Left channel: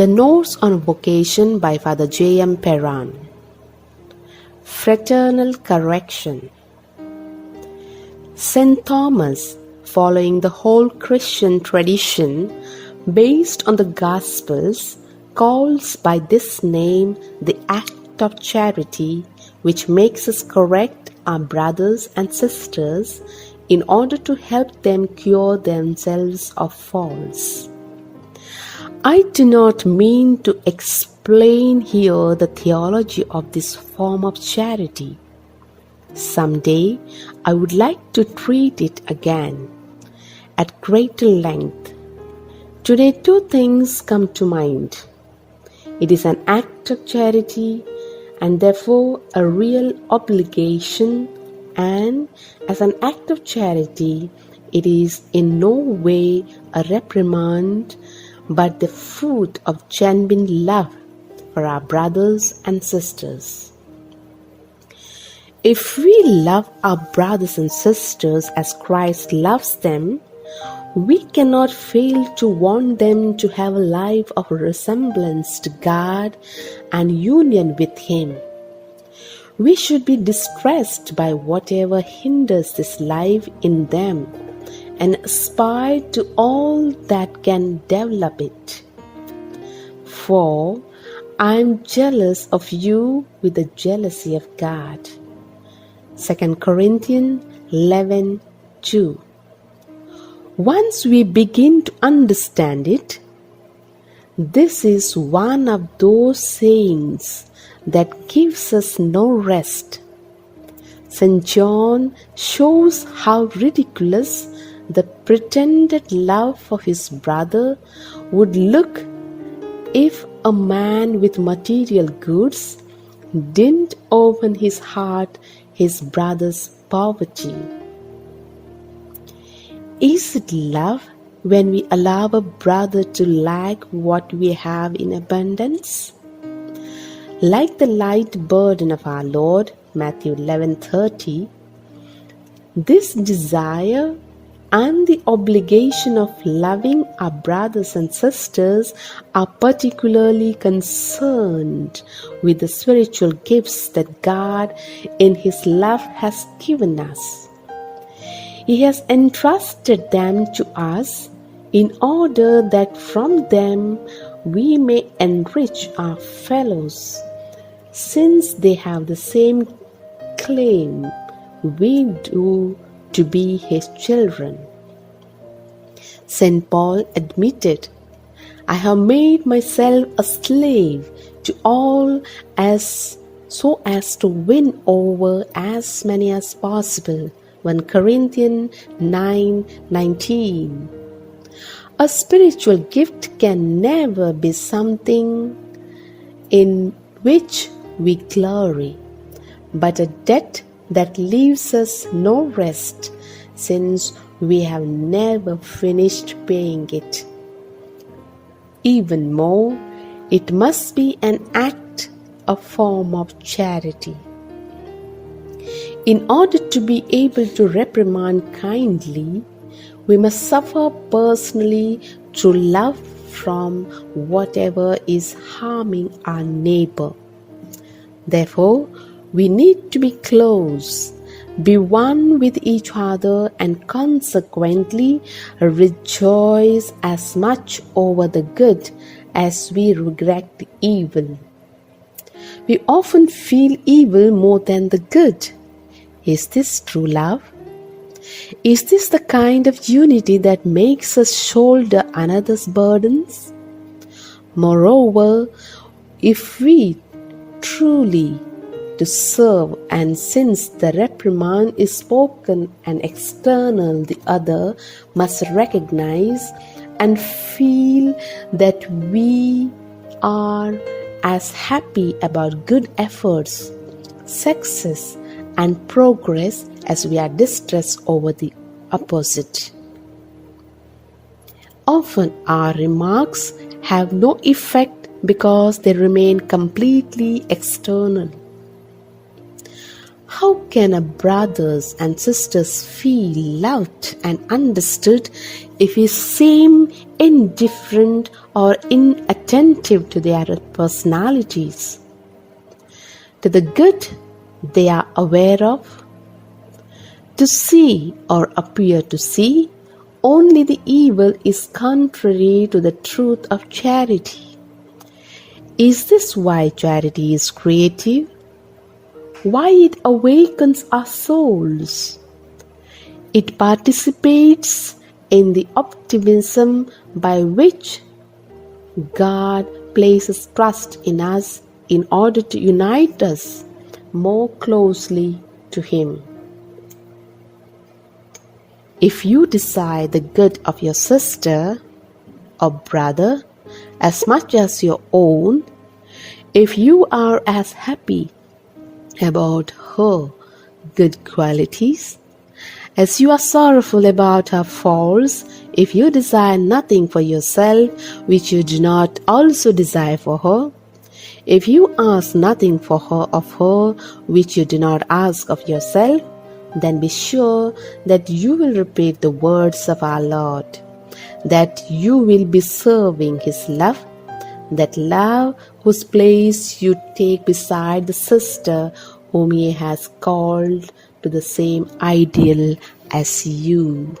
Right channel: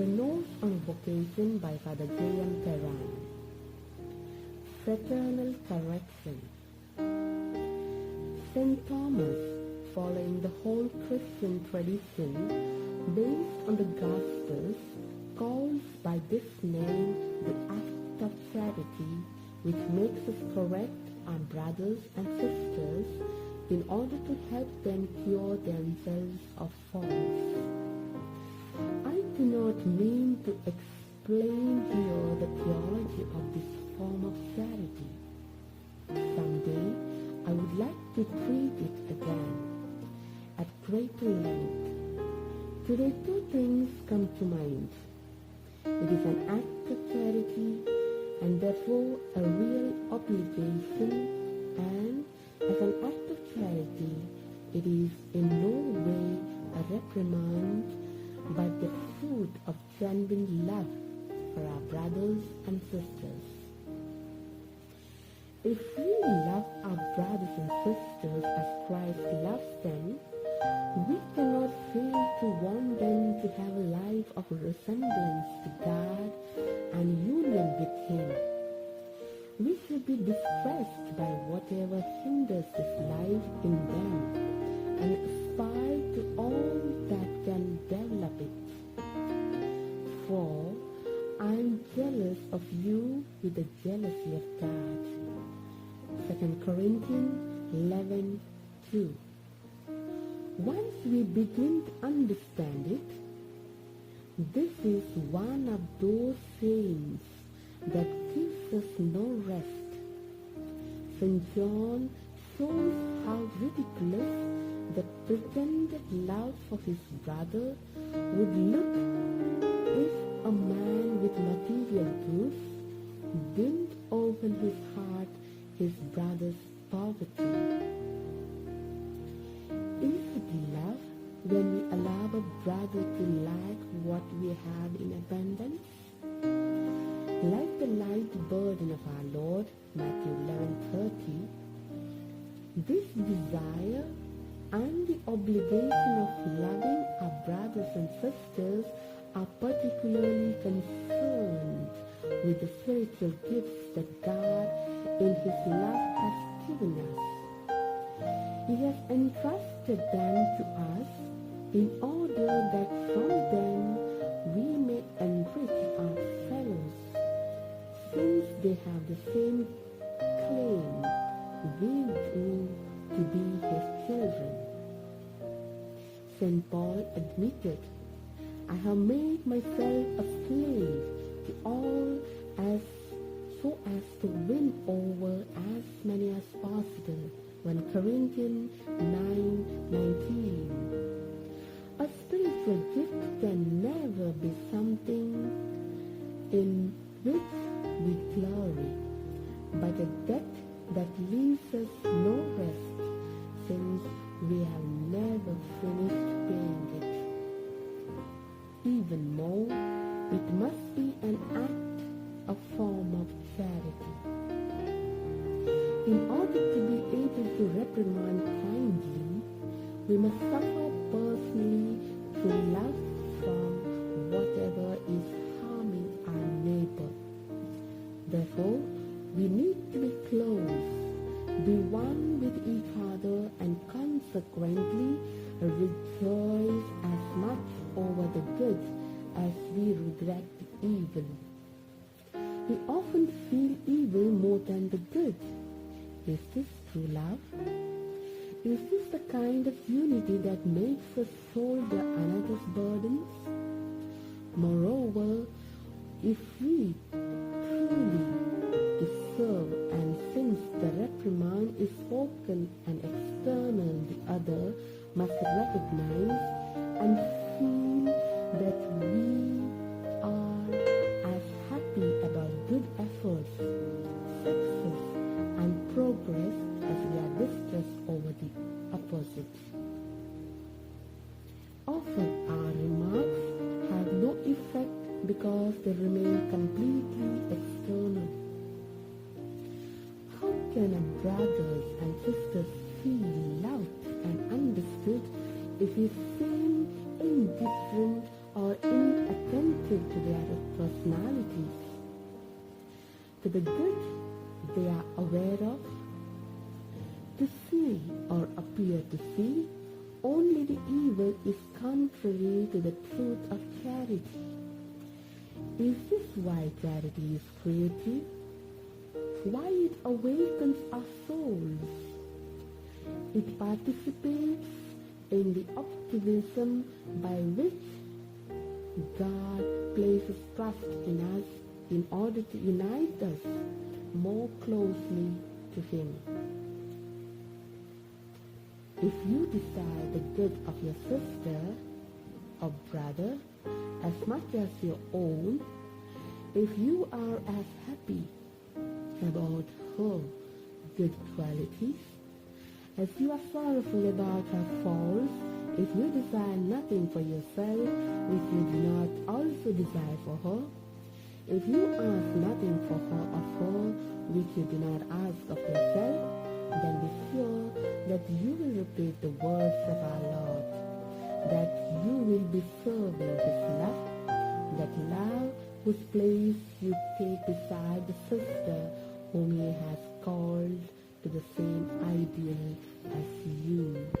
The Notes on Vocation by Father J.M. Perran. Fraternal Correction. St. Thomas, following the whole Christian tradition based on the Gospels, calls by this name the act of charity which makes us correct our brothers and sisters in order to help them cure themselves of faults. I do not mean to explain here the theology of this form of charity. Someday I would like to treat it again at greater length. Today two things come to mind. It is an act of charity and therefore a real obligation, and as an act of charity it is in no way a reprimand but the fruit of genuine love for our brothers and sisters. If we love our brothers and sisters as Christ loves them, we cannot fail to want them to have a life of resemblance to God and union with Him. We should be distressed by whatever hinders this life in them and aspire to all that can develop it. For I am jealous of you with the jealousy of God. 2 Corinthians 11:2. Once we begin to understand it, this is one of those sayings that gives us no rest. St. John shows how ridiculous the pretended love for his brother would look if a man with material goods didn't open his heart his brother's poverty. Is it love when we allow a brother to lack what we have in abundance? Like the light burden of our Lord, Matthew 11:30, this desire and the obligation of loving our brothers and sisters are particularly concerned with the spiritual gifts that God in His love has given us. He has entrusted them to us in order that from them we may enrich our fellows, since they have the same claim we do to be His children. St. Paul admitted, "I have made myself a slave to all so as to win over as many as possible." 1 Corinthians 9:19. A spiritual gift can never be something in which we glory, but a debt that leaves us no rest, since we have never finished paying it. Even more, it must be an act, a form of charity. In order to be able to reprimand kindly, we must suffer personally through love from whatever is harming our neighbor. Therefore, we need to be close, be one with each other, and consequently rejoice as much over the good as we regret the evil. We often feel evil more than the good. Is this true love? Is this the kind of unity that makes us shoulder another's burdens? Moreover, if we truly to serve, and since the reprimand is spoken and external, the other must recognize and feel that we are as happy about good efforts, success, and progress as we are distressed over the opposite. Often our remarks have no effect because they remain completely external. How can a brothers and sisters feel loved and understood if we seem indifferent or inattentive to their personalities, to the good they are aware of? To see or appear to see only the evil is contrary to the truth of charity. Is this why charity is creative? Why it awakens our souls? It participates in the optimism by which God places trust in us in order to unite us more closely to Him. If you desire the good of your sister or brother as much as your own, if you are as happy about her good qualities as you are sorrowful about her faults, if you desire nothing for yourself which you do not also desire for her, if you ask nothing for her of her which you do not ask of yourself, then be sure that you will repeat the words of our Lord, that you will be serving His love, that love whose place you take beside the sister whom He has called to the same ideal as you.